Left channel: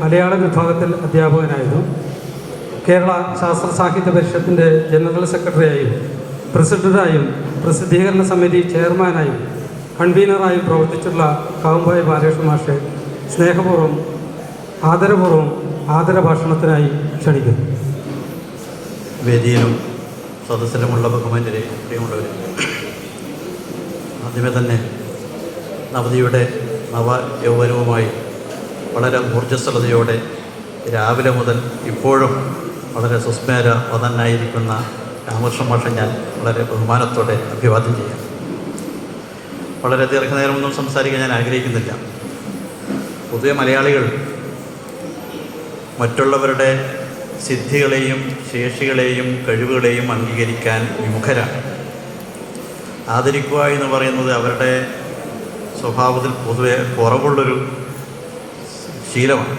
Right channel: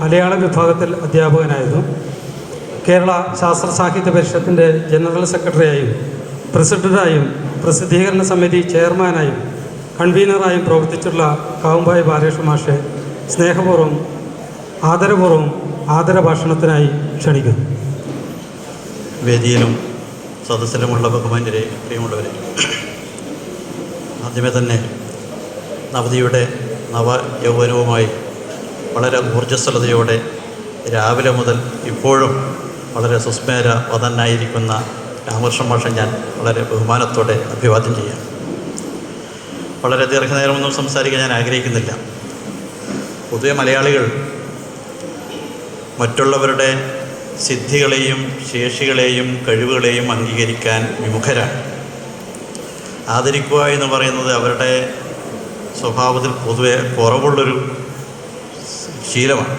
മലയാള വിഭാഗത്തിൽ അധ്യാപകനായിരുന്നു. കേരള ശാസ്ത്ര സാഹിത്യ പരിഷത്തിന്റെ ജനറൽ സെക്രട്ടറിയായും പ്രസിഡന്റായും പ്രസിദ്ധീകരണ സമിതി ചെയർമാനായും കൺവീനറായും പ്രവർത്തിച്ചുള്ള കാവുമ്പായി ബാലകൃഷ്ണ മാഷെ സ്നേഹപൂർവം ആദരപൂർവം ആദരഭാഷണത്തിനായി ക്ഷണിക്കുന്നു. വേദിയിലും സദസ്സിലുമുള്ള ബഹുമാന്യരെ പ്രിയമുള്ളവരെ ആദ്യമേ തന്നെ നവതിയുടെ നവ യൗവനവുമായി വളരെ ഊർജസ്വലതയോടെ രാവിലെ മുതൽ ഇപ്പോഴും വളരെ സുസ്മേര വതനായിരിക്കുന്ന രാമകൃഷ്ണ മാഷെ ഞാൻ വളരെ ബഹുമാനത്തോടെ അഭിവാദ്യം ചെയ്യാം. വളരെ ദീർഘനേരമൊന്നും സംസാരിക്കാൻ ഞാൻ ആഗ്രഹിക്കുന്നില്ല. പൊതുവെ മലയാളികൾ മറ്റുള്ളവരുടെ സിദ്ധികളെയും ശേഷികളെയും കഴിവുകളെയും അംഗീകരിക്കാൻ വിമുഖരാണ്. ആദരിക്കുക എന്ന് പറയുന്നത് അവരുടെ സ്വഭാവത്തിൽ പൊതുവെ കുറവുള്ളൊരു ശീലമാണ്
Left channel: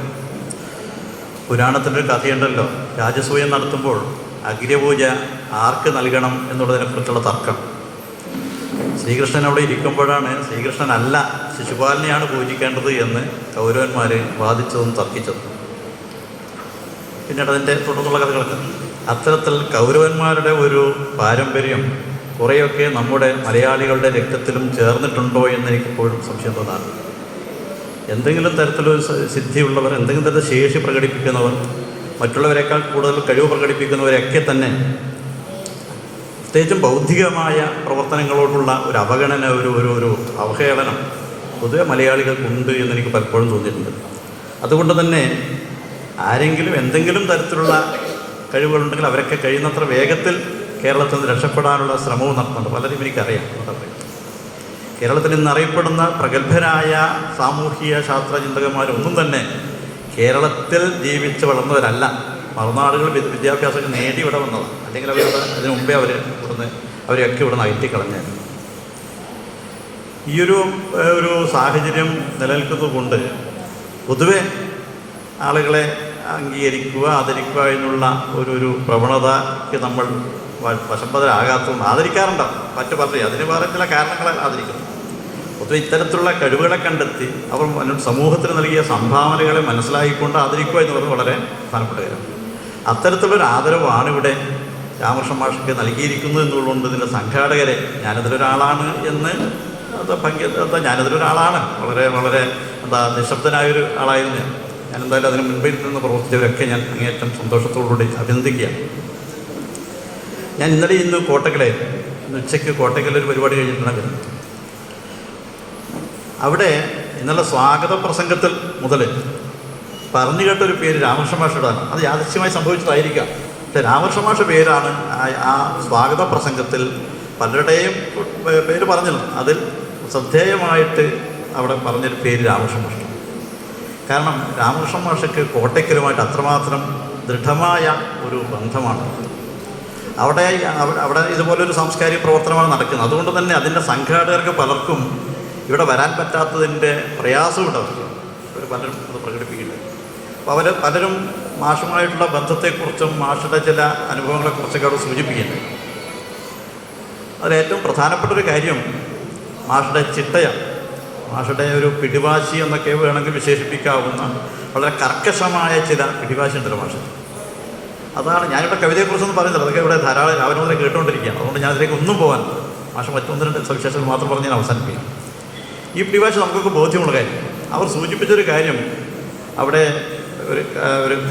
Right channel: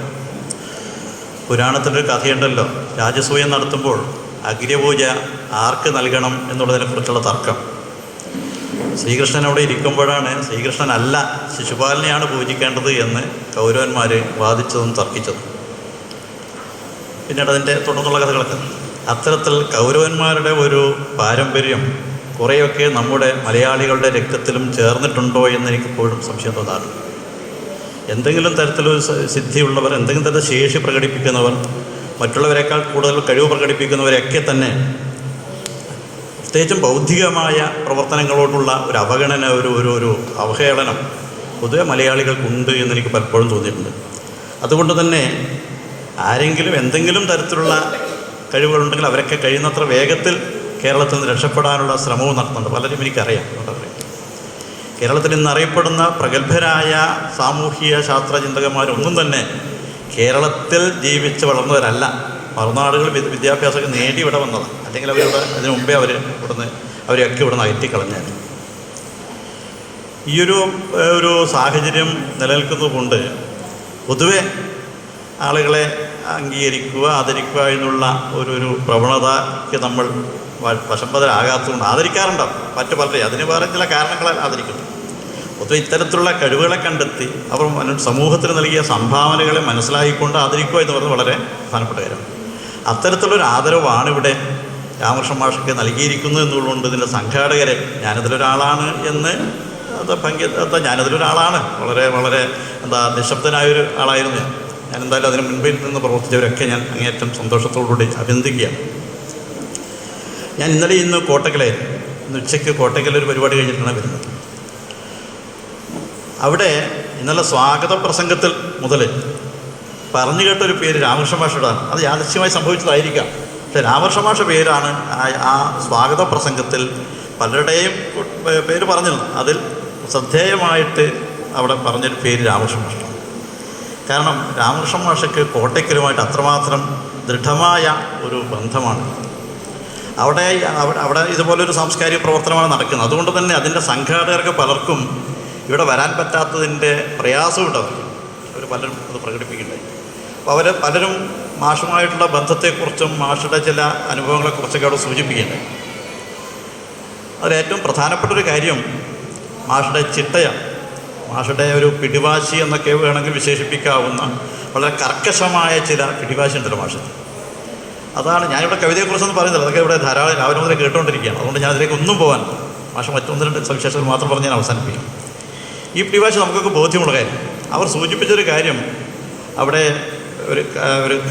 പുരാണത്തിന്റെ കഥയുണ്ടല്ലോ. രാജസൂയം നടത്തുമ്പോൾ അഗ്രപൂജ ആർക്ക് നൽകണം എന്നുള്ളതിനെക്കുറിച്ചുള്ള തർക്കം. ശ്രീകൃഷ്ണൻ അവിടെ ഇരിക്കുമ്പോഴാണ് ശ്രീകൃഷ്ണനല്ല ശിശുപാലനെയാണ് പൂജിക്കേണ്ടത് എന്ന് കൗരവന്മാർ വാദിച്ചതും തർക്കിച്ചതും. പിന്നീട് അതിന്റെ തുടർന്നുള്ള കഥകളൊക്കെ. അത്തരത്തിൽ കൗരവന്മാരുടെ ഒരു പാരമ്പര്യം കുറേയൊക്കെ നമ്മുടെ മലയാളികളുടെ രക്തത്തിലും ചേർന്നിട്ടുണ്ടോ എന്ന് എനിക്കിപ്പോഴും സംശയം തോന്നാറ് എന്തെങ്കിലും തരത്തിലൊരു സിദ്ധിയുള്ളവർ എന്തെങ്കിലും തരത്തിൽ ശേഷി പ്രകടിപ്പിക്കുന്നവർ മറ്റുള്ളവരെക്കാൾ കൂടുതൽ കഴിവ് പ്രകടിപ്പിക്കുന്നവരെയൊക്കെ തന്നെ പ്രത്യേകിച്ചും ബൗദ്ധികമായ പ്രവർത്തനങ്ങളോടുള്ള ഒരു അവഗണന ഒരു ഒരു ഒരു അവഹേളനം പൊതുവെ മലയാളികൾക്കുണ്ട് എന്ന് എനിക്ക് പലപ്പോഴും തോന്നിയിട്ടുണ്ട് അതുകൊണ്ട് തന്നെ ആരെങ്കിലും എന്തെങ്കിലും തരത്തിലുള്ള കഴിവുകളുണ്ടെങ്കിൽ അവരൊക്കെ കഴിയുന്നത്ര വേഗത്തിൽ കേരളത്തിൽ നിന്ന് രക്ഷപ്പെടാനുള്ള ശ്രമവും നടത്തുന്നുണ്ട് പലരും എനിക്കറിയാം. കേരളത്തിൽ ഇന്ന് അറിയപ്പെടുന്ന പ്രഗത്ഭരായ സാമൂഹിക ശാസ്ത്ര ചിന്തകന്മാരൊന്നും തന്നെ കേരളത്തിൽ ജീവിച്ച് വളർന്നവരല്ല. മറുനാടുകൾ വിദ്യ- വിദ്യാഭ്യാസം നേടി ഇവിടെ വന്നതാണ് അല്ലെങ്കിൽ അവരിവിടെ അതിനു മുമ്പേ അവർ ഇവിടുന്ന് അവരെയൊക്കെ ഇവിടുന്ന് അയറ്റിക്കളഞ്ഞായിരുന്നു ഈ ഒരു സാഹചര്യം നിലനിൽക്കുന്നത് കൊണ്ട് പൊതുവെ ആളുകളെ അംഗീകരിക്കുക ആദരിക്കുക എന്നുള്ള ഒരു ഒരു പ്രവണതയ്ക്ക് നമ്മൾ വശംബദരാകാത്തതുകൊണ്ട് ആദരിക്കാറുണ്ടാവും. മറ്റു പലരെയും. അതിന് വേറെ ചില കാരണങ്ങളെ ആദരിക്കുന്നു. പൊതുവെ ഇത്തരത്തിലുള്ള കഴിവുകളെ കണ്ടെത്തി അവർ സമൂഹത്തിന് നൽകിയ സംഭാവനകളെ മനസ്സിലാക്കിക്കൊണ്ട് ആദരിക്കുക എന്ന് പറയുന്നത് വളരെ പ്രധാനപ്പെട്ട കാര്യമാണ് അത്തരത്തിലുള്ളൊരു ആദരവാണ് ഇവിടെ രാമകൃഷ്ണ മാഷ്ക്ക് നൽകിയിരിക്കുന്നു എന്നുള്ളതുകൊണ്ട് ഇതിന്റെ സംഘാടകരെ ഞാനതിലൊരാളാണ് എന്ന് ഭംഗി എന്താ ഞാനതിലൊരാളാണ് വളരെ വളരെ എന്താ നിശബ്ദനായൊരു ആളായിരുന്നു ഞാൻ. ഞാൻ എന്തായാലും അതിന് മുൻപിൽ നിന്ന് പ്രവർത്തിച്ചവരൊക്കെ ഞാൻ അങ്ങേയറ്റം സന്തോഷത്തോടുകൂടി അഭിനന്ദിക്കുകയാണ് ഞാൻ ഇന്നലെ ഇന്ന് കോട്ടക്കലെ ഇന്ന് ഉച്ചയ്ക്ക് കോട്ടക്കലൊരു പരിപാടി കഴിഞ്ഞിട്ടാണ് വരുന്നത്. അവിടെ ഇന്നലെ സ്വാഗത പ്രസംഗത്തിൽ മുതൽ പറഞ്ഞു കേട്ടൊരു പേര് രാമകൃഷ്ണ മാഷയുടെ അത് യാദൃശ്യമായി സംഭവിച്ചതായിരിക്കാം. പക്ഷേ രാമകൃഷ്ണ മാഷ പേരാണ് ആ- സ്വാഗത പ്രസംഗത്തിൽ പലരുടെയും പേര് പറഞ്ഞില്ല. അതിൽ ശ്രദ്ധേയമായിട്ട് അവിടെ പറഞ്ഞൊരു പേര് രാമകൃഷ്ണ മാഷ കാരണം രാമകൃഷ്ണ മാഷയ്ക്ക് കോട്ടയ്ക്കലുമായിട്ട് അത്രമാത്രം ദൃഢമായ ഒരു ബന്ധമാണ്. അവിടെ- അവിടെ ഇതുപോലൊരു സാംസ്കാരിക പ്രവർത്തനമാണ് നടക്കുന്നത്. അതുകൊണ്ട് തന്നെ അതിന്റെ സംഘാടകർക്ക് പലർക്കും ഇവിടെ വരാൻ പറ്റാത്തതിന്റെ പ്രയാസമുണ്ട് അവർക്ക് അവർ പലരും അത് പ്രകടിപ്പിക്കുന്നുണ്ട്. അപ്പോൾ അവർ പലരും മാഷുമായിട്ടുള്ള ബന്ധത്തെക്കുറിച്ചും മാഷുടെ ചില അനുഭവങ്ങളെക്കുറിച്ചൊക്കെ അവിടെ സൂചിപ്പിക്കുന്നു അതിലേറ്റവും പ്രധാനപ്പെട്ട ഒരു കാര്യം മാഷുടെ ചിട്ടയാണ്. മാഷുടെ ഒരു പിടിവാശി എന്നൊക്കെ വേണമെങ്കിൽ വിശേഷിപ്പിക്കാവുന്ന വളരെ കർക്കശമായ ചില പിടിവാശി ഉണ്ടല്ലോ മാഷത്തിൽ അതാണ് ഞാനിവിടെ കവിതയെക്കുറിച്ചൊന്നും പറയുന്നില്ല. അതൊക്കെ ഇവിടെ ധാരാളം രാവിലെ മുതലേ കേട്ടുകൊണ്ടിരിക്കുകയാണ്. അതുകൊണ്ട് ഞാൻ അതിലേക്ക് ഒന്നും പോകാൻ മാഷ മറ്റൊന്നിന്റെ സവിശേഷങ്ങൾ മാത്രം പറഞ്ഞ് ഞാൻ അവസാനിപ്പിക്കും. ഈ പിടിഭാഷ നമുക്കൊക്കെ ബോധ്യമുള്ള കാര്യം. അവർ സൂചിപ്പിച്ചൊരു കാര്യം. അവിടെ ഒരു ഒരു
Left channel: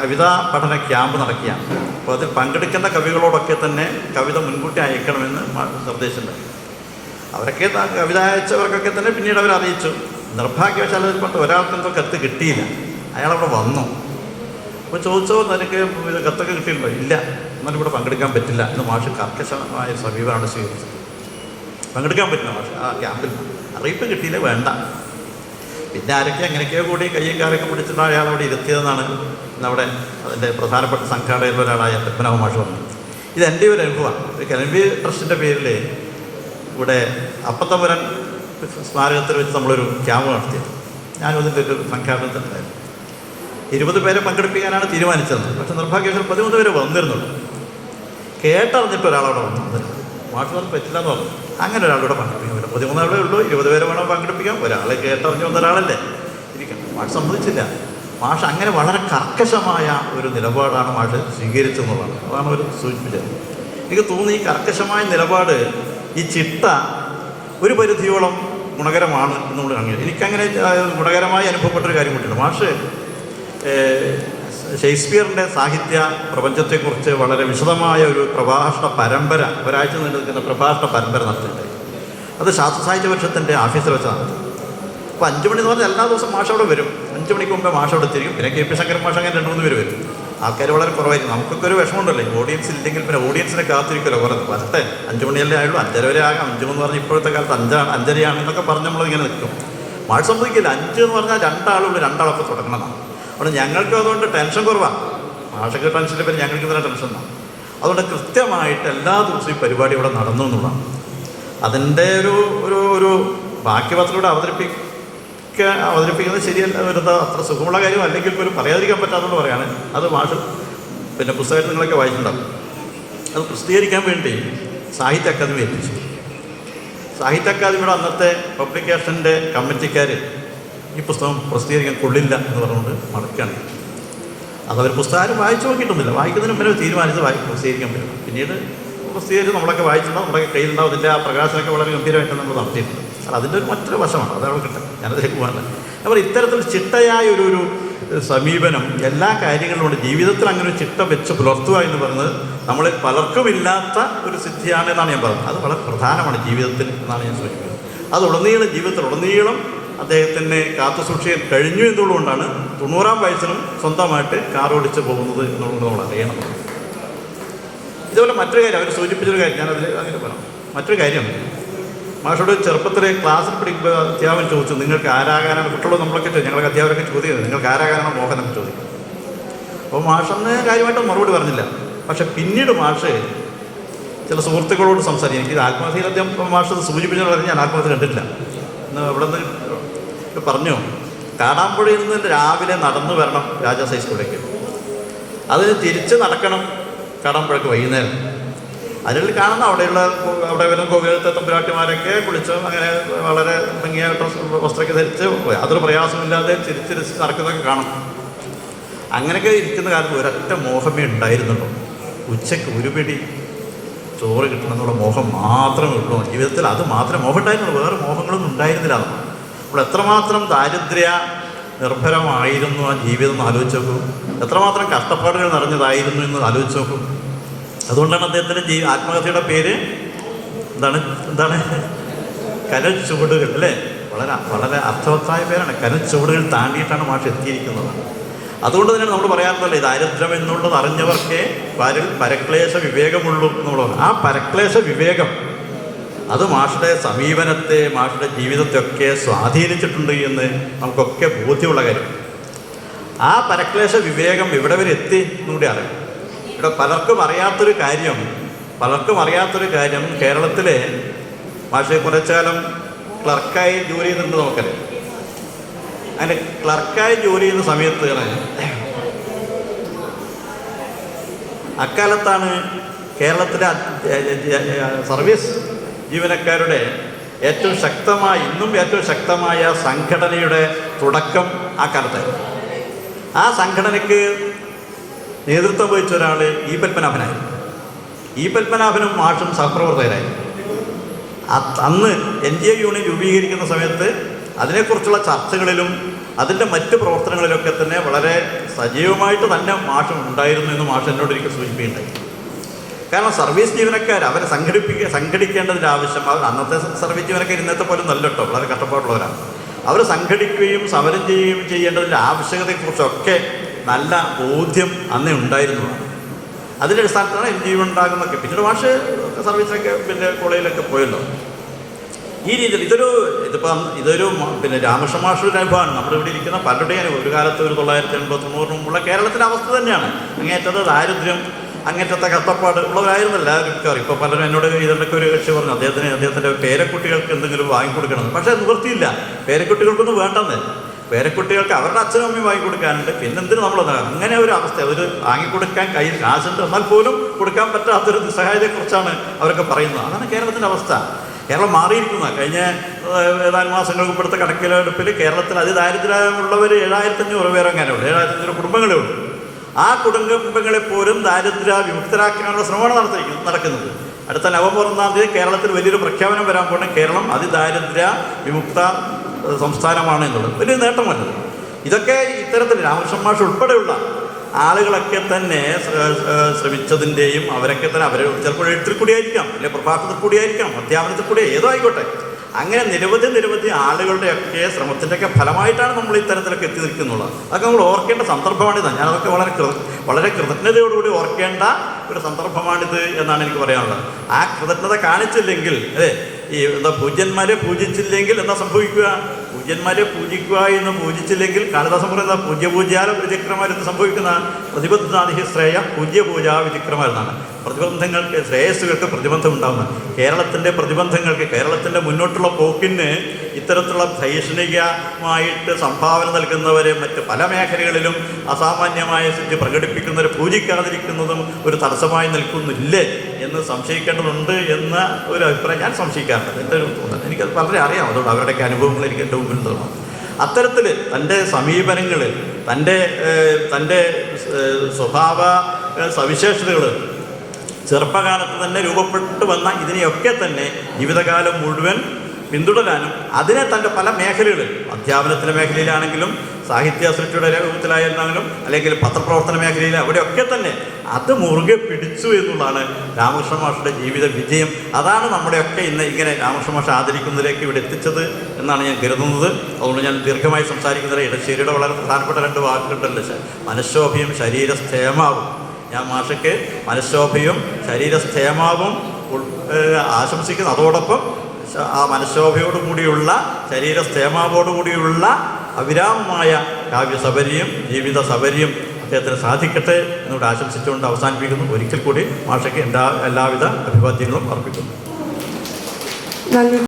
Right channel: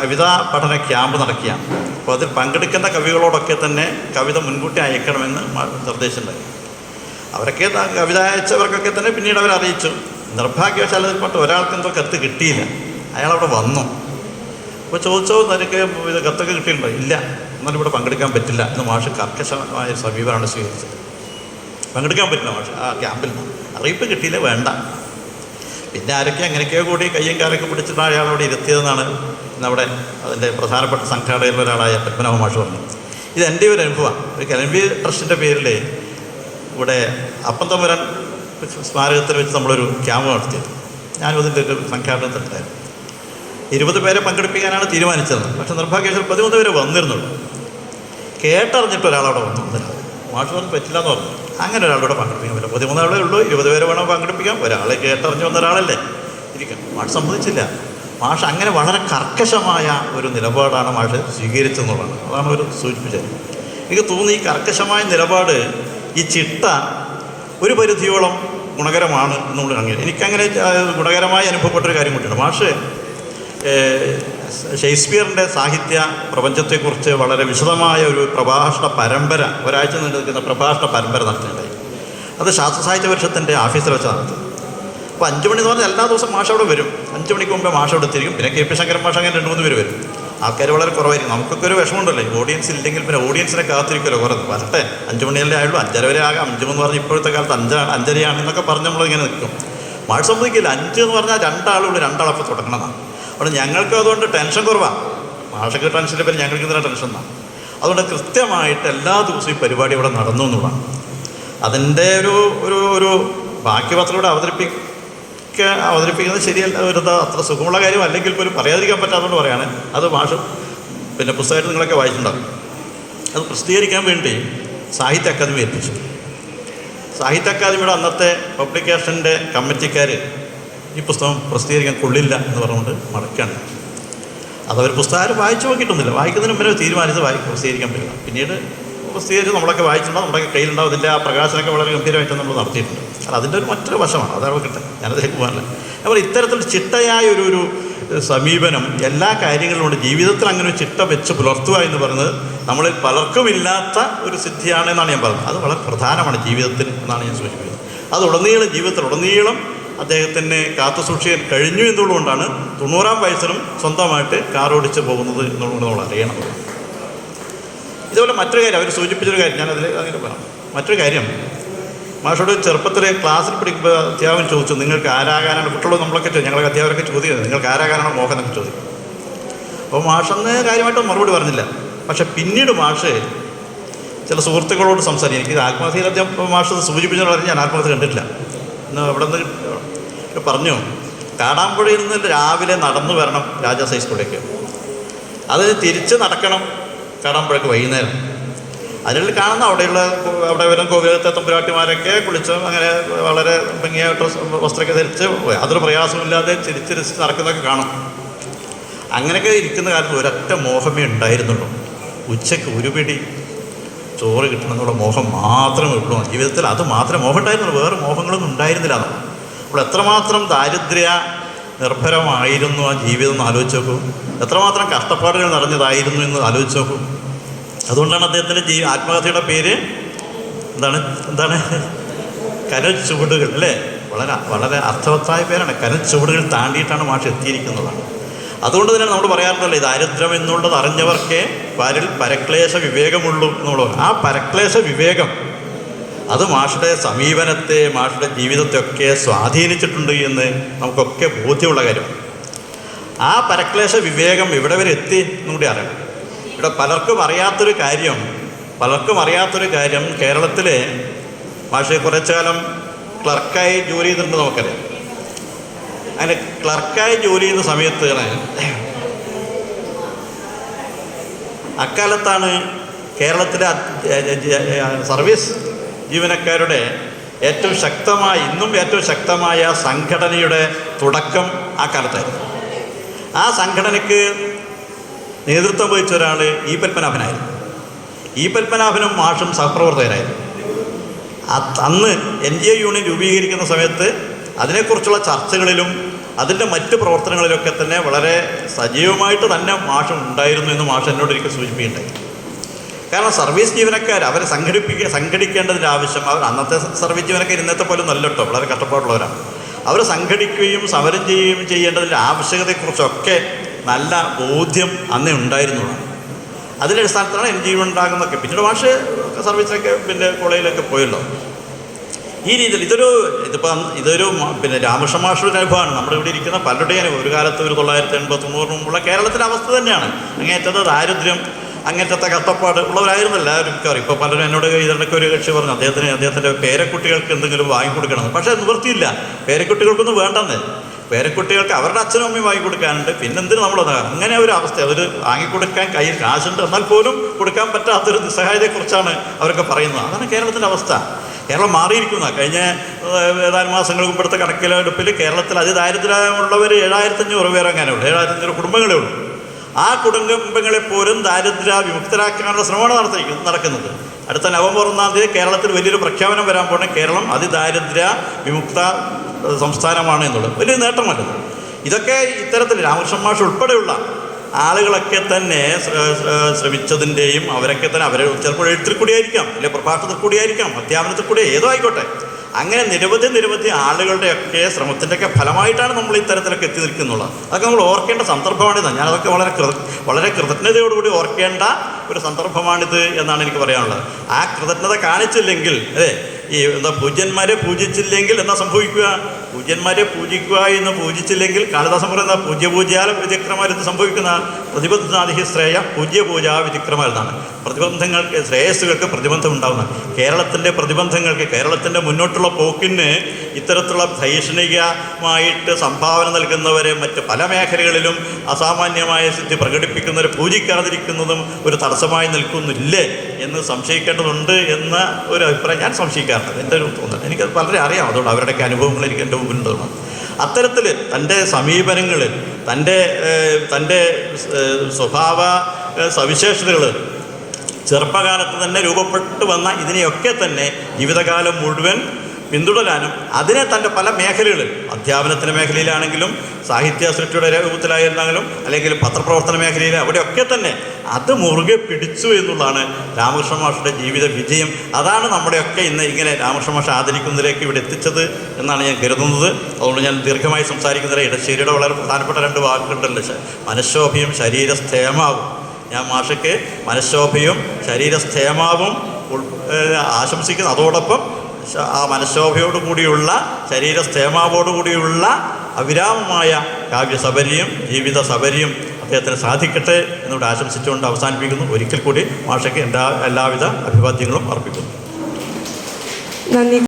കവിതാ പഠന ക്യാമ്പ് നടക്കുകയാണ്. അപ്പോൾ അതിൽ പങ്കെടുക്കുന്ന കവികളോടൊക്കെ തന്നെ കവിത മുൻകൂട്ടി അയക്കണമെന്ന് മാ- നിർദ്ദേശമുണ്ട്. അവരൊക്കെ കവിത അയച്ചവർക്കൊക്കെ തന്നെ പിന്നീട് അവർ അറിയിച്ചു. നിർഭാഗ്യവശാൽ അതിൽപ്പെട്ട ഒരാൾക്ക് എന്തോ കത്ത് കിട്ടിയില്ല. അയാളവിടെ വന്നു. അപ്പോൾ ചോദിച്ചോ തനിക്ക് ഇത് കത്തൊക്കെ കിട്ടിയിട്ടുണ്ടോ? ഇല്ല. എന്നാലും ഇവിടെ പങ്കെടുക്കാൻ പറ്റില്ല എന്ന് മാഷ് കർക്കശമായ സമീപമാണ് സ്വീകരിച്ചത്. പങ്കെടുക്കാൻ പറ്റില്ല മാഷ്? ആ ക്യാമ്പിൽ. അറിയിപ്പ് കിട്ടിയില്ല വേണ്ട. പിന്നെ ആരൊക്കെ അങ്ങനെയൊക്കെയോ കൂടി കയ്യും കാലൊക്കെ പിടിച്ചിട്ട് അയാൾ അവിടെ ഇരുത്തിയതെന്നാണ് നമ്മുടെ അതിന്റെ പ്രധാനപ്പെട്ട സംഘാടകരിൽ ഒരാളായ പത്മനാഭ മാഷ് പറഞ്ഞത്. ഇത് എന്റെ ഒരു അനുഭവമാണ്. ഒരു കലമ്പി ട്രസ്റ്റിന്റെ പേരിൽ ഇവിടെ അപ്പത്തമ്പുരൻ സ്മാരകത്തിൽ വെച്ച് നമ്മളൊരു ക്യാമ്പ് നടത്തിയത്. ഞാനും അതിന്റെ ഒരു സംഘാടനത്തിലുണ്ടായിരുന്നു. ഇരുപത് പേരെ പങ്കെടുപ്പിക്കാനാണ് തീരുമാനിച്ചത്. പക്ഷെ നിർഭാഗ്യവശാൽ പതിമൂന്ന് പേര് വന്നിരുന്നുള്ളൂ. കേട്ടറിഞ്ഞിട്ട് ഒരാളവിടെ വന്നു. മാഷ് പറഞ്ഞു പറ്റില്ല എന്ന് പറഞ്ഞു. അങ്ങനെ ഒരാളോട് പങ്കെടുപ്പിക്കാൻ പതിമൂന്നാളേ ഉള്ളൂ. ഇരുപത് പേരെ വേണം പങ്കെടുപ്പിക്കാം ഒരാളെ കേട്ടറിഞ്ഞ് വന്ന ഒരാളല്ലേ. ഇരിക്കാം. മാഷ് സമ്മതിച്ചില്ല. മാഷ് അങ്ങനെ വളരെ കർക്കശമായ ഒരു നിലപാടാണ് മാഷ് സ്വീകരിച്ചെന്നുള്ളതാണ്. അതാണ് ഒരു സൂചിപ്പിച്ചത്. എനിക്ക് തോന്നുന്നു ഈ കർക്കശമായ നിലപാട് ഈ ചിട്ട ഒരു പരിധിയോളം ഗുണകരമാണ് എന്നുകൊണ്ട് അങ്ങനെ എനിക്കങ്ങനെ ഗുണകരമായി അനുഭവപ്പെട്ടൊരു കാര്യം കൊണ്ടുണ്ട് മാഷ് ഷേക്സ്പിയറിന്റെ സാഹിത്യ പ്രപഞ്ചത്തെക്കുറിച്ച് വളരെ വിശദമായ ഒരു പ്രഭാഷണ പരമ്പര ഒരാഴ്ച നീണ്ടു നിൽക്കുന്ന പ്രഭാഷണ പരമ്പര നടത്തുന്നുണ്ടായി അത് ശാസ്ത്ര സാഹിത്യ പരിഷത്തിന്റെ ഓഫീസിൽ വെച്ച് നടത്തും അപ്പോൾ അഞ്ച് മണി എന്ന് പറഞ്ഞാൽ എല്ലാ ദിവസവും മാഷ അവിടെ വരും. അഞ്ച് മണിക്ക് മുമ്പേ മാഷ അവിടെ പിന്നെ കെ പി ശങ്കരൻ മാഷ് അങ്ങനെ രണ്ട് മൂന്ന് പേര് വരും. ആൾക്കാർ വളരെ കുറവായിരിക്കും. നമുക്കൊക്കെ ഒരു വിഷമമുണ്ടല്ലോ? ഓഡിയൻസ് ഇല്ലെങ്കിൽ പിന്നെ ഓഡിയൻസിനെ കാത്തിരിക്കുമല്ലോ കുറേ. വരട്ടെ അഞ്ച് മണിയല്ലേ ആയുള്ളൂ. അഞ്ചര വരെ ആകാം. അഞ്ച് എന്ന് പറഞ്ഞാൽ ഇപ്പോഴത്തെ കാലത്ത് അഞ്ചാണ് അഞ്ചരയാണ് എന്നൊക്കെ പറഞ്ഞ് നമ്മളിങ്ങനെ നിൽക്കും. മാഷ് സമ്മതിക്കില്ല. അഞ്ച് എന്ന് പറഞ്ഞാൽ രണ്ടാളുള്ളൂ രണ്ടാളപ്പം തുടങ്ങണം. അപ്പോൾ ഞങ്ങൾക്ക് അതുകൊണ്ട് ടെൻഷൻ കുറവാണ് മാഷൊക്കെ ടെൻഷന്റെ പേര് ഞങ്ങൾക്ക് ഇന്നലെ ടെൻഷൻ തന്നെ അതുകൊണ്ട് കൃത്യമായിട്ട് എല്ലാ ദിവസവും പരിപാടി ഇവിടെ നടന്നു എന്നുള്ളതാണ്. അതിന്റെ ഒരു ഒരു ഒരു ബാക്കി പത്രത്തിലൂടെ അവതരിപ്പിക്കുക അവതരിപ്പിക്കുന്നത് ശരിയല്ല ഒരു അത്ര സുഖമുള്ള കാര്യം അല്ലെങ്കിൽ പോലും പറയാതിരിക്കാൻ പറ്റാത്തതുകൊണ്ട് പറയാണ്. അത് ഭാഷ പിന്നെ പുസ്തകമായിട്ട് നിങ്ങളൊക്കെ വായിച്ചിട്ടുണ്ടാവും. അത് പ്രസിദ്ധീകരിക്കാൻ വേണ്ടി സാഹിത്യ അക്കാദമി ഏൽപ്പിച്ചു. സാഹിത്യ അക്കാദമിയുടെ അന്നത്തെ പബ്ലിക്കേഷന്റെ കമ്മിറ്റിക്കാർ ഈ പുസ്തകം പ്രസിദ്ധീകരിക്കാൻ കൊള്ളില്ല എന്ന് പറഞ്ഞുകൊണ്ട് മടക്കാണ്. അതവർ പുസ്തകം വായിച്ചു നോക്കിയിട്ടൊന്നുമില്ല. വായിക്കുന്നതിന് മുമ്പേ തീരുമാനിച്ച് വായി പ്രസിദ്ധീകരിക്കാൻ പറ്റില്ല പിന്നീട് പ്രസിദ്ധീകരിച്ച് നമ്മളൊക്കെ വായിച്ചിട്ടുണ്ടാവും നമ്മുടെ കയ്യിലുണ്ടാവും. അതിന്റെ ആ പ്രകാശനമൊക്കെ വളരെ ഗംഭീരമായിട്ട് നമ്മൾ നടത്തിയിട്ടുണ്ട്. അത് അതിന്റെ ഒരു മറ്റൊരു വശമാണ് അതാണ് കിട്ടുക. ഞാനതിലേക്ക് പോകാനില്ല അപ്പോൾ ഇത്തരത്തിൽ ചിട്ടയായ ഒരു ഒരു സമീപനം എല്ലാ കാര്യങ്ങളിലുണ്ട് ജീവിതത്തിൽ അങ്ങനെ ഒരു ചിട്ട വെച്ച് പുലർത്തുക എന്ന് പറയുന്നത് നമ്മളിൽ പലർക്കും ഇല്ലാത്ത ഒരു സിദ്ധിയാണ് എന്നാണ് ഞാൻ പറയുന്നത്. അത് വളരെ പ്രധാനമാണ് ജീവിതത്തിൽ എന്നാണ് ഞാൻ സൂചിപ്പിക്കുന്നത്. അത് ഉടനീളം ജീവിതത്തിൽ ഉടനീളം അദ്ദേഹത്തിന്റെ കാത്തു സൂക്ഷിക്കാൻ കഴിഞ്ഞു എന്നുള്ളതുകൊണ്ടാണ് തൊണ്ണൂറാം വയസ്സിലും സ്വന്തമായിട്ട് കാർ ഓടിച്ച് പോകുന്നത് എന്നുള്ളത് നമ്മൾ അറിയണം. ഇതുപോലെ മറ്റൊരു കാര്യം അവർ സൂചിപ്പിച്ചൊരു കാര്യം അതിൽ അങ്ങനെ പറയാം. മറ്റൊരു കാര്യം മാഷോട് ചെറുപ്പത്തിൽ ക്ലാസ്സിൽ പഠിക്കുമ്പോൾ അധ്യാപകൻ ചോദിച്ചു നിങ്ങൾക്ക് ആരാകാനാണ് കുട്ടികളോ നമ്മളൊക്കെ ഞങ്ങളൊക്കെ അധ്യാപകരൊക്കെ ചോദിക്കുന്നത് നിങ്ങൾക്ക് ആരാകാനാണ് മോഹം? എന്നൊക്കെ ചോദിക്കും അപ്പോൾ മാഷന്ന് കാര്യമായിട്ട് മറുപടി പറഞ്ഞില്ല. പക്ഷെ പിന്നീട് മാഷ് ചില സുഹൃത്തുക്കളോട് സംസാരിക്കും എനിക്കിത് ആത്മഹത്യ മാഷ് സൂചിപ്പിച്ചാൽ ഞാൻ ആത്മഹത്യ കണ്ടിട്ടില്ല. ഇന്ന് അവിടെ നിന്ന് പറഞ്ഞു കാടാമ്പുഴയിൽ നിന്ന് രാവിലെ നടന്നു വരണം രാജാസ് ഹൈസ്കൂളിലേക്ക് അത് തിരിച്ച് നടക്കണം കാടാമ്പുഴക്ക് വൈകുന്നേരം. അതിൽ കാണുന്ന അവിടെയുള്ള അവിടെ വരുന്ന കോവിലത്തെ തമ്പുരാട്ടിമാരൊക്കെ കുളിച്ച് അങ്ങനെ വളരെ ഡ്രസ് വസ്ത്രമൊക്കെ ധരിച്ച് യാതൊരു പ്രയാസമില്ലാതെ ചിരിച്ചിരിച്ച് നടക്കുന്നതൊക്കെ കാണും. അങ്ങനെയൊക്കെ ഇരിക്കുന്ന കാലത്ത് ഒരൊറ്റ മോഹമേ ഉണ്ടായിരുന്നുള്ളൂ. ഉച്ചയ്ക്ക് ഒരു പിടി ചോറ് കിട്ടണമെന്നുള്ള മോഹം മാത്രമേ ഉള്ളൂ. ജീവിതത്തിൽ അത് മാത്രം മോഹം ഉണ്ടായിരുന്നുള്ളൂ വേറെ മോഹങ്ങളൊന്നും ഉണ്ടായിരുന്നില്ല. അപ്പോൾ എത്രമാത്രം ദാരിദ്ര്യ നിർഭരമായിരുന്നു ആ ജീവിതം ആലോചിച്ച് നോക്കൂ എത്രമാത്രം കഷ്ടപ്പാടുകൾ നിറഞ്ഞതായിരുന്നു എന്ന് ആലോചിച്ച് നോക്കൂ അതുകൊണ്ടാണ് അദ്ദേഹത്തിന്റെ ജീ ആത്മഹത്യയുടെ പേര് എന്താണ് എന്താണ്? കനൽ ചുവടുകൾ അല്ലേ? വളരെ വളരെ അർത്ഥവത്തായ പേരാണ്. കനൽ ചുവടുകൾ താണ്ടിയിട്ടാണ് മാഷ് എത്തിയിരിക്കുന്നതാണ് അതുകൊണ്ട് തന്നെ നമ്മൾ പറയാറുണ്ടല്ലോ ദാരിദ്ര്യം എന്നുള്ളത് അറിഞ്ഞവർക്കേ പരൽ പരക്ലേശ വിവേകമുള്ളൂ എന്നുള്ളത് ആ പരക്ലേശ വിവേകം അത് മാഷുടെ സമീപനത്തെ മാഷുടെ ജീവിതത്തെ ഒക്കെ സ്വാധീനിച്ചിട്ടുണ്ട് എന്ന് നമുക്കൊക്കെ ബോധ്യമുള്ള കാര്യം. ആ പരക്ലേശ വിവേകം ഇവിടെ വരെ എത്തി എന്നുകൂടി അറിയാം ഇവിടെ പലർക്കും അറിയാത്തൊരു കാര്യം പലർക്കും അറിയാത്തൊരു കാര്യം കേരളത്തിലെ മാഷെ കുറച്ചുകാലം ക്ലർക്കായി ജോലി ചെയ്തിട്ടുണ്ട് നമുക്കറിയാം. അങ്ങനെ ക്ലർക്കായി ജോലി ചെയ്യുന്ന സമയത്ത് അക്കാലത്താണ് കേരളത്തിലെ സർവീസ് ജീവനക്കാരുടെ ഏറ്റവും ശക്തമായ ഇന്നും ഏറ്റവും ശക്തമായ സംഘടനയുടെ തുടക്കം ആ കാലത്തായിരുന്നു. ആ സംഘടനയ്ക്ക് നേതൃത്വം വഹിച്ച ഒരാൾ ഈ പത്മനാഭനായിരുന്നു. ഈ പത്മനാഭനും മാഷും സഹപ്രവർത്തകരായിരുന്നു. അന്ന് എൻ ജി എ യൂണിയൻ രൂപീകരിക്കുന്ന സമയത്ത് അതിനെക്കുറിച്ചുള്ള ചർച്ചകളിലും അതിന്റെ മറ്റ് പ്രവർത്തനങ്ങളിലൊക്കെ തന്നെ വളരെ സജീവമായിട്ട് തന്നെ മാഷം ഉണ്ടായിരുന്നു എന്ന് മാഷ് എന്നോട് എനിക്ക് സൂചിപ്പിക്കുന്നുണ്ട് കാരണം സർവീസ് ജീവനക്കാർ അവരെ സംഘടിപ്പിക്കുക സംഘടിക്കേണ്ടതിന്റെ ആവശ്യം അവർ അന്നത്തെ സർവീസ് ജീവനക്കാർ ഇന്നത്തെ പോലും നല്ല കേട്ടോ വളരെ കഷ്ടപ്പാടുള്ളവരാണ് അവർ സംഘടിക്കുകയും സമരം ചെയ്യുകയും ചെയ്യേണ്ടതിന്റെ ആവശ്യകതയെക്കുറിച്ചൊക്കെ നല്ല ബോധ്യം അന്നേ ഉണ്ടായിരുന്നു. അതിന്റെ അടിസ്ഥാനത്തിലാണ് എൻ ജി ഉണ്ടാകുന്നതൊക്കെ. പിന്നീട് മാഷ് സർവീസിലൊക്കെ പിന്നെ കോളേജിലൊക്കെ പോയല്ലോ. ഈ രീതിയിൽ ഇതൊരു ഇതിപ്പം ഇതൊരു പിന്നെ രാമകൃഷ്ണ മാഷയുടെ അനുഭവമാണ്. നമ്മുടെ ഇവിടെ ഇരിക്കുന്ന പലരുടെയും ഒരു കാലത്ത് ഒരു തൊള്ളായിരത്തി എൺപത്തി തൊണ്ണൂറിന് മുമ്പുള്ള അവസ്ഥ തന്നെയാണ്. അങ്ങേറ്റത് ദാരിദ്ര്യം അങ്ങേറ്റത്തെ കഷ്ടപ്പാട് ഉള്ളവരായിരുന്നു എല്ലാവരും അറിയും ഇപ്പോൾ പലരും എന്നോട് ഇതിനൊക്കെ ഒരു കക്ഷി പറഞ്ഞു. അദ്ദേഹത്തിന് അദ്ദേഹത്തിന്റെ പേരക്കുട്ടികൾക്ക് എന്തെങ്കിലും വാങ്ങിക്കൊടുക്കണം. പക്ഷേ നിവൃത്തിയില്ല. പേരക്കുട്ടികൾക്കൊന്നും വേണ്ടെന്ന്. പേരക്കുട്ടികൾക്ക് അവരുടെ അച്ഛനും അമ്മയും വാങ്ങിക്കൊടുക്കാനുണ്ട്. പിന്നെ നമ്മളൊന്ന് അങ്ങനെ ഒരു അവസ്ഥ? അവർ വാങ്ങിക്കൊടുക്കാൻ കയ്യിൽ കാശുണ്ട്. എന്നാൽ പോലും കൊടുക്കാൻ പറ്റാത്തൊരു നിസ്സഹായതയെക്കുറിച്ചാണ് അവരൊക്കെ പറയുന്നത്. അതാണ് കേരളത്തിന്റെ അവസ്ഥ. കേരളം മാറിയിരിക്കുന്ന. കഴിഞ്ഞ ഏതാനും മാസങ്ങൾക്ക് മുമ്പെടുത്ത കണക്കിലെടുപ്പിൽ കേരളത്തിൽ അതിദാരിദ്ര്യമുള്ളവർ ഏഴായിരത്തഞ്ഞൂറ് പേരങ്ങനെ ഉണ്ട് ഏഴായിരത്തഞ്ഞൂറ് കുടുംബങ്ങളേ ഉള്ളൂ. ആ കുടുംബങ്ങളെ പോലും ദാരിദ്ര്യ വിമുക്തരാക്കാനുള്ള ശ്രമമാണ് നടത്തിയിരിക്കുന്നത് നടക്കുന്നത്. അടുത്ത നവംബർ ഒന്നാം തീയതി കേരളത്തിൽ വലിയൊരു പ്രഖ്യാപനം വരാൻ പോണേ കേരളം അതിദാരിദ്ര്യ വിമുക്ത സംസ്ഥാനമാണ് എന്നുള്ളത്. വലിയ നേട്ടമല്ലത് ഇതൊക്കെ ഇത്തരത്തിൽ രാമകൃഷ്ണ മാഷ് ഉൾപ്പെടെയുള്ള ആളുകളൊക്കെ തന്നെ ശ്ര- ശ്ര- ശ്രമിച്ചതിന്റെയും അവരൊക്കെ തന്നെ അവർ ചിലപ്പോൾ എഴുത്തിൽ കൂടിയായിരിക്കാം അല്ലെങ്കിൽ പ്രഭാഷണത്തിൽ കൂടിയായിരിക്കാം അധ്യാപനത്തിൽ കൂടി ഏതോ ആയിക്കോട്ടെ. അങ്ങനെ നിരവധി നിരവധി ആളുകളുടെയൊക്കെ ശ്രമത്തിന്റെയൊക്കെ ഫലമായിട്ടാണ് നമ്മൾ ഇത്തരത്തിലൊക്കെ എത്തി നിൽക്കുന്നുള്ളത്. അതൊക്കെ നമ്മൾ ഓർക്കേണ്ട സന്ദർഭമാണിത്. ഞാനതൊക്കെ വളരെ കൃത വളരെ കൃതജ്ഞതയോടുകൂടി ഓർക്കേണ്ട ഒരു സന്ദർഭമാണിത് എന്നാണ് എനിക്ക് പറയാനുള്ളത്. ആ കൃതജ്ഞത കാണിച്ചില്ലെങ്കിൽ അതെ ഈ എന്താ പൂജ്യന്മാരെ പൂജിച്ചില്ലെങ്കിൽ എന്താ സംഭവിക്കുക? പൂജ്യന്മാരെ പൂജിക്കുക എന്ന് പൂജിച്ചില്ലെങ്കിൽ കാളിദാസം പറയുന്ന പൂജ്യ പൂജ്യാല സംഭവിക്കുന്നതാണ് സംഭവിക്കുന്ന ശ്രേയ പൂജ്യ പൂജ വിചക്രമാർ പ്രതിബന്ധങ്ങൾക്ക് ശ്രേയസ്സുകൾക്ക് പ്രതിബന്ധം ഉണ്ടാകുന്നു കേരളത്തിന്റെ പ്രതിബന്ധങ്ങൾക്ക് കേരളത്തിന്റെ മുന്നോട്ടുള്ള പോക്കിന് ഇത്തരത്തിലുള്ള ധൈഷണികമായിട്ട് സംഭാവന നൽകുന്നവരെ മറ്റ് പല മേഖലകളിലും അസാമാന്യമായ സ്ഥിതി പ്രകടിപ്പിക്കുന്നവർ പൂജിക്കാതിരിക്കുന്നതും ഒരു തടസ്സമായി നിൽക്കുന്നില്ലേ എന്ന് സംശയിക്കേണ്ടതുണ്ട് എന്ന ഒരു അഭിപ്രായം ഞാൻ സംശയിക്കാറുണ്ട്. എന്റെ ഒരു എനിക്കത് വളരെ അറിയാം. അതുകൊണ്ട് അവരുടെയൊക്കെ അനുഭവങ്ങൾ എനിക്ക് എന്റെ മുമ്പിലുണ്ട് അത്തരത്തിൽ തന്റെ സമീപനങ്ങൾ തന്റെ തന്റെ സ്വഭാവ സവിശേഷതകൾ ചെറുപ്പകാലത്ത് തന്നെ രൂപപ്പെട്ടു വന്ന ഇതിനെയൊക്കെ തന്നെ ജീവിതകാലം മുഴുവൻ പിന്തുടരാനും അതിനെ തന്റെ പല മേഖലകളിൽ അധ്യാപനത്തിന്റെ മേഖലയിലാണെങ്കിലും സാഹിത്യ സൃഷ്ടിയുടെ രൂപത്തിലായിരുന്നാലും അല്ലെങ്കിൽ പത്രപ്രവർത്തന മേഖലയിൽ അവിടെയൊക്കെ തന്നെ അത് മുറുകെ പിടിച്ചു എന്നുള്ളതാണ് രാമകൃഷ്ണ മാഷിന്റെ ജീവിത വിജയം. അതാണ് നമ്മുടെയൊക്കെ ഇന്ന് ഇങ്ങനെ രാമകൃഷ്ണ മാഷ ആദരിക്കുന്നതിലേക്ക് ഇവിടെ എത്തിച്ചത് എന്നാണ് ഞാൻ കരുതുന്നത്. അതുകൊണ്ട് ഞാൻ ദീർഘമായി സംസാരിക്കുന്നതിൽ ഇടശ്ശേരിയുടെ വളരെ പ്രധാനപ്പെട്ട രണ്ട് വാക്കുകളുണ്ടല്ലോ. മനഃശോഭയും ശരീരസ്ഥേമാവും ഞാൻ മാഷയ്ക്ക് മനഃശോഭയും ശരീരസ്ഥേമാവും ആശംസിക്കുന്നു. അതോടൊപ്പം ആ മനഃശോഭയോടുകൂടിയുള്ള ശരീരസ്ഥേമാവോടുകൂടിയുള്ള അവിരാമമായ കാവ്യസബരിയും ജീവിത സബരിയും അദ്ദേഹത്തിന് സാധിക്കട്ടെ എന്നോട് ആശംസിച്ചുകൊണ്ട് അവസാനിപ്പിക്കുന്നു. ഒരിക്കൽ കൂടി മാഷയ്ക്ക് എല്ലാ എല്ലാവിധ അഭിവാദ്യങ്ങളും അർപ്പിക്കുന്നു. നന്ദി.